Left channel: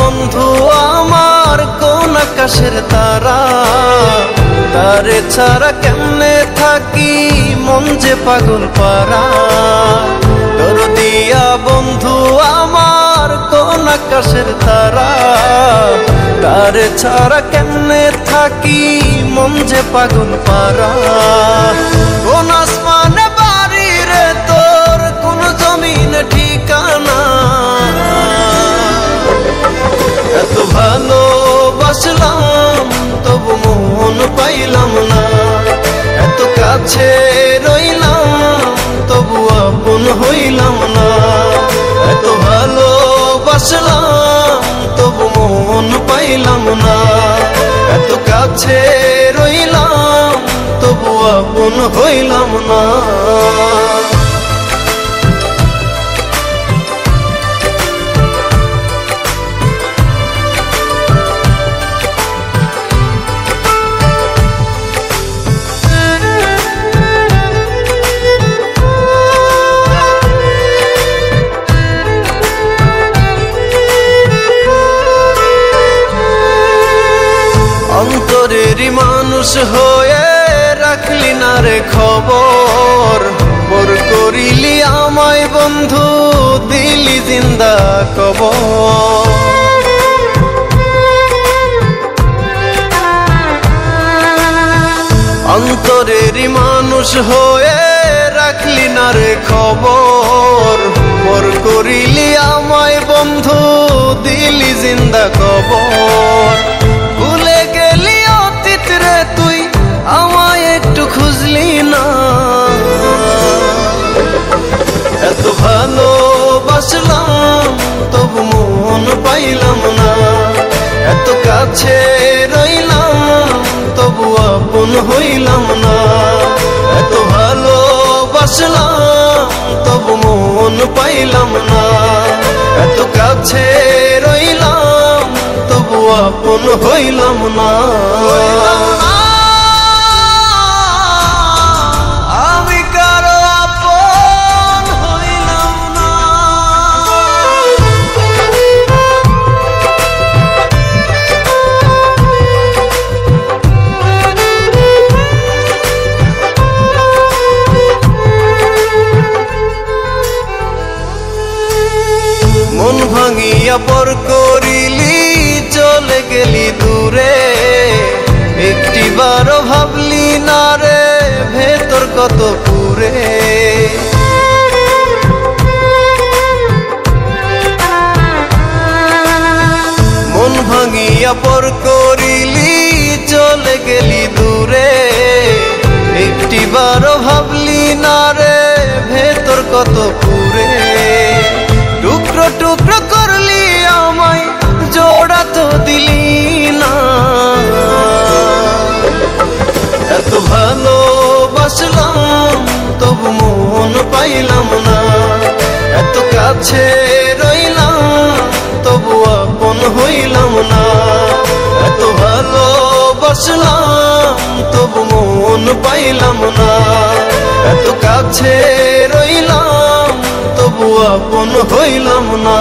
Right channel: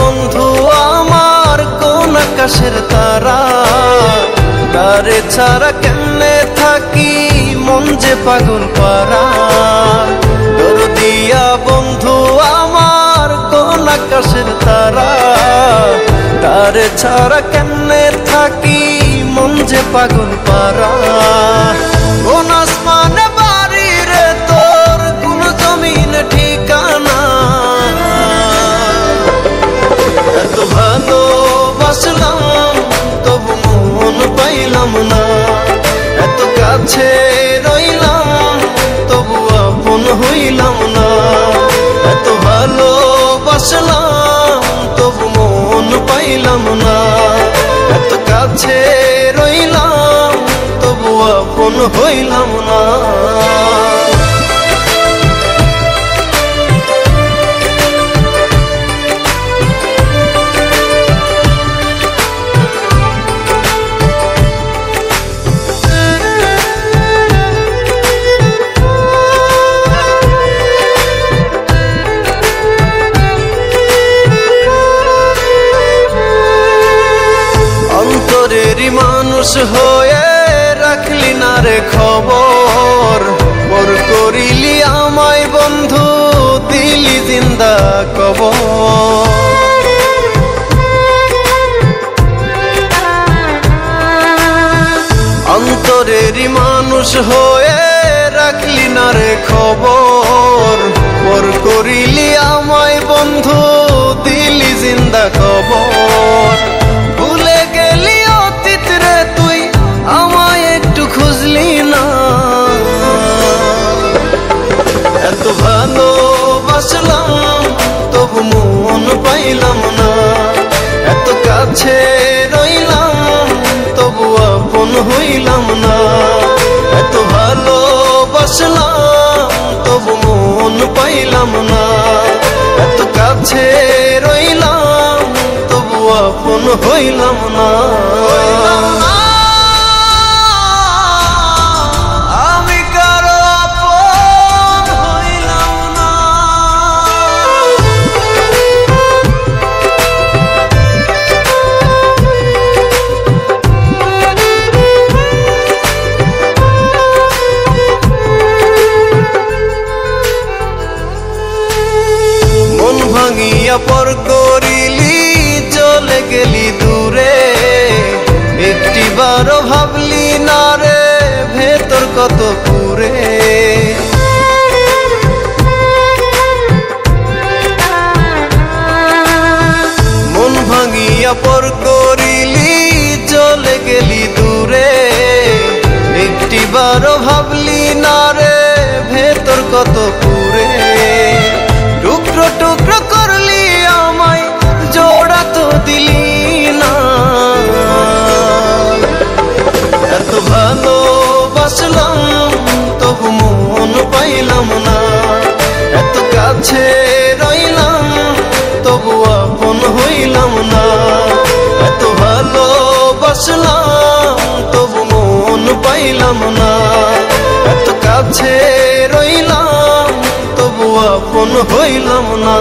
বন্ধু আমার কোন আকাশের তারা, তারে ছাড়া কেমনে থাকি মন যে পাগল পারা। দরদিয়া বন্ধু আমার কোন আকাশের তারা, তারে ছাড়া কেমনে থাকি মন যে পাগল পারা। কোন আসমানে বাড়ি রে তোর, কোন জমিনে ঠিকানা, এত ভালোবাসলাম তবু মন পাইলাম না। এত কাছে রইলাম তবু আপন হইলাম না। এত ভালোবাসলাম তবু মন পাইলাম না। এত কাছে রইলাম তবু আপন হইলাম না। অন্তরেরই মানুষ হয়ে রাখলি না রে খবর, পর করিলি আমায় বন্ধু দিলি জিন্দা কবর। অন্তরেরই মানুষ হয়ে রাখলি না রে খবর, পর করিলি আমায় বন্ধু দিলি জিন্দা কবর। ভুলে গেলি অতীত রে তুই আমায় একটু খুঁজলি না। এত ভালোবাসলাম তবু মন পাইলাম না। এত কাছে রইলাম তবু আপন হইলাম না। এত ভালোবাসলাম তবু মন পাইলাম না। এত কাছে রইলাম তবু আপন হইলাম না। আমি কারো আপন হইলাম না। মন ভাঙিয়া পর করিলি চলে গেলি দূরে, একটিবারও ভাবলি না রে ভেতর কত পুরে। মন ভাঙিয়া পর করিলি চলে গেলি দূরে, একটিবারও ভাবলি না রে ভেতর কত পুরে। টুকরো টুকরো করলি আমায় জোড়া তো দিলি না। এত ভালোবাসলাম তবু মন পাইলাম না। এত কাছে রইলাম তবু আপন হইলাম না। এত ভালোবাসলাম তবু মন পাইলাম না। এত কাছে রইলাম তবু আপন হইলাম না।